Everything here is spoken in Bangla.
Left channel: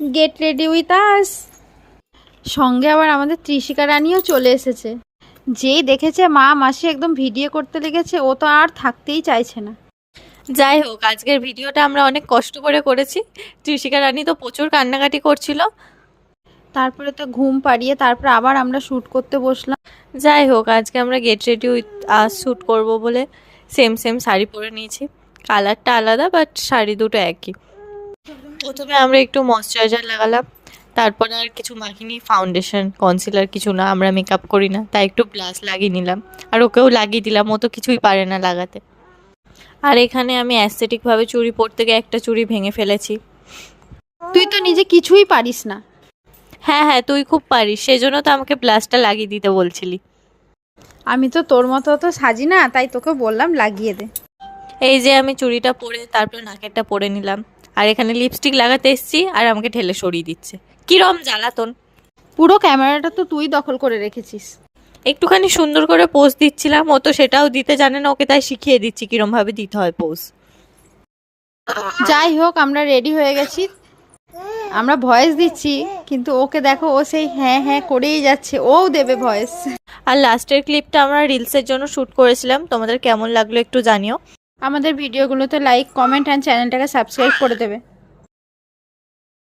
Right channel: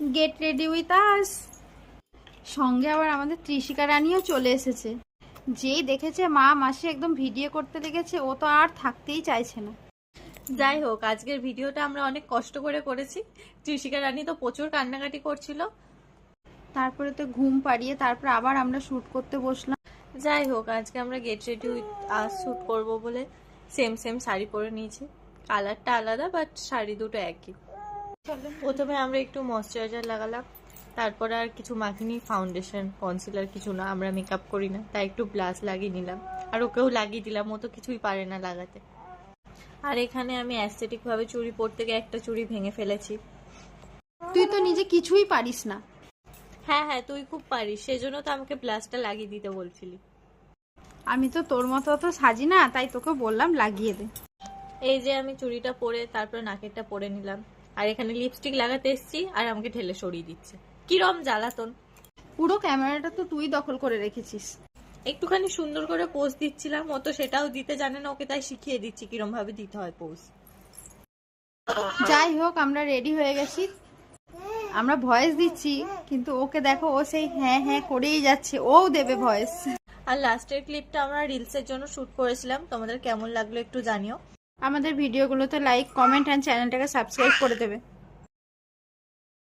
Get ready with us. সঙ্গে আবার আমাদের ত্রিশিকা রানীও চলে এসেছে। যেই দেখেছে মা মাসি একদম ভিডিও করতে লেগেছে, ও তো আর থাকতেই চাইছে না। যাই হোক, আজকের ভিডিওটা আমরা অনেক কষ্ট করে করেছি। ত্রিশিকা রানী তো প্রচুর কান্নাকাটি করছিল। তারপরে তো ঘুম পাড়িয়ে তারপর আবার আমরা শ্যুট করতে বসলাম। যাই হোক, আজকে আমরা get ready with us shoot করবো বলে সেম সেম শাড়ি পরে নিয়েছি। কালারটা আলাদা বাট শাড়ি দুটো একই। প্রথমে আমরা একটু ময়শ্চারাইজার লাগালাম, তারপর আর কিছু মাখিনি, ফাউন্ডেশন কনসিলার কিছু না, আমরা মেকআপ করি না, তাই একটু ব্লাশ লাগিয়ে নিলাম। আর ওকেও লাগিয়ে দিলাম, ও তো কিছুই পারে না লাগাতে। আর এখানে আমি অ্যাস্থেটিকভাবে চুড়ি পরতে গিয়ে একটা চুড়ি ভেঙে ফেলেছি। তুই তো নিজে কিছুই পারিস না। হ্যাঁ হ্যাঁ, তুই খুব পারিস, সেজন্য তো আমাকে ব্লাশটা লাগিয়ে দিতে বলছিলি। আমি তো তোর মতো তো সাজি না, তাই তোকে বললাম লাগিয়ে দে। এই যে আমি চুড়িটা পরে তারপর নাকেরটা পরে নিলাম, আর এখানে লিপস্টিক লাগাতে এসেছি আর আমাকে ঠেলে সরিয়ে দিচ্ছে। কিরম জ্বালাতন! পুরো ক্যামেরাটা তো তুই দখল করে রেখেছিস। একটুখানি সুন্দর করে পোজ দিচ্ছিলাম, ও তো সেটাও দিতে জানে না, ওকে তাই শিখিয়ে দিচ্ছি কিরম ভাবে দিতে হয় পোজ। যাই হোক, আমরা রেডি হয়ে গেছি। আমরা ভয়েস দিচ্ছি, কিন্তু ওকে দেখো, ও সেই হ্যাঁ হ্যাঁ করেই যাচ্ছে, ওও দেবে ভয়েস। আর লাস্টের ক্লিপটা আমরা রিলসের জন্য শ্যুট করেছিলাম, তোমাদের কেমন লাগলো একটু জানিও। আমাদের ভিডিওগুলোতে লাইক, কমেন্ট অ্যান্ড চ্যানেলটাকে সাবস্ক্রাইব করে দেবে।